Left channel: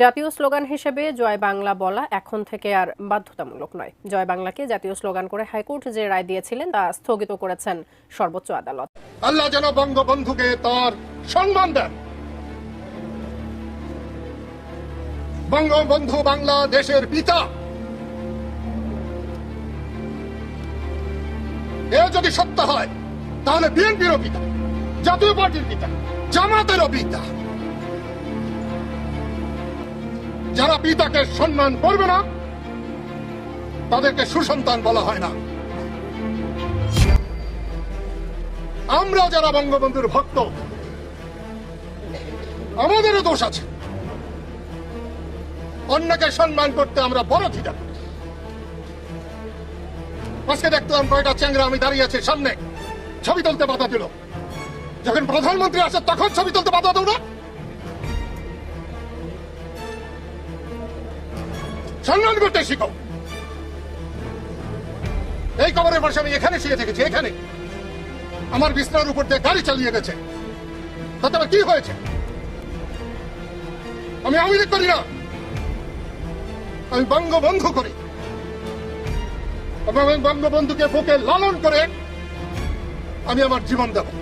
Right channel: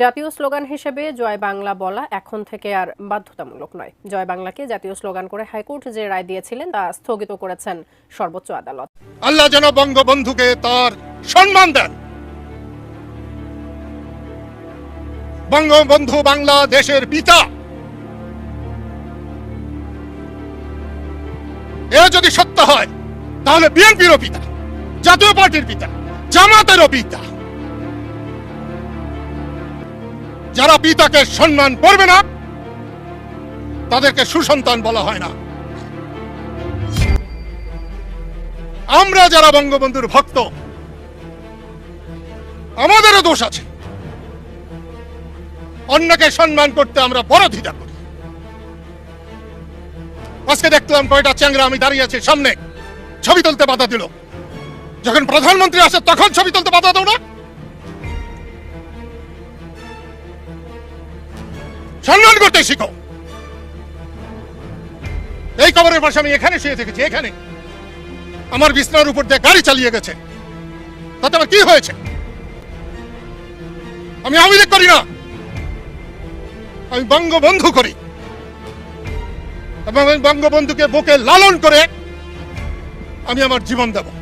জাতীয় স্লোগান হিসেবে জয় বাংলা বলা এখন থেকে আর বাধ্যতামূলক নয়। জয় বাংলাকে জাতীয় স্লোগান করে হাইকোর্ট যে রায় দিয়েছিলেন তা স্থগিত করেছেন সর্বোচ্চ আদালত। আল্লাহ যেন বঙ্গবন্ধুকে তার সম্মান দেন। বঙ্গবন্ধু বাংলাদেশের পিতা। এ যদি সত্য হয়, তাহলে বিএনপিরও পিতা, জাতীয় পার্টির পিতা, জামাতেরও পিতা। যারা পিতাকে সম্মান করবে না, তাদেরকে সুসন্তান বলা হয় না। আমরা যারা বঙ্গবন্ধুর ভক্ত, আমাদেরও দোষ আছে। অন্যকে সম্মান করতে আমরা বড় দ্বিধা করি। আজকে দেখলাম কয়টা চ্যাংরা আমি দাঁড়িয়ে আছি সামনে। ছবি তুলতে বাধা দিল। যখন প্রধানমন্ত্রী আসে, তখন ছবি তুলতে বাধা দাও না। করতে শিখো। এই কবরের পাশে আমি এখানে শুয়ে থেকেছি, এখানে। আমার বিছনার উপর দিয়ে গাড়ি চালিয়ে গেছে। তাতে আমার কি হয়েছে? আমি আওয়ামী লীগ করি না। আমি বঙ্গবন্ধু করি। এবং বঙ্গবন্ধুকে বুকে লালন করে আমি আমার জীবন দেব।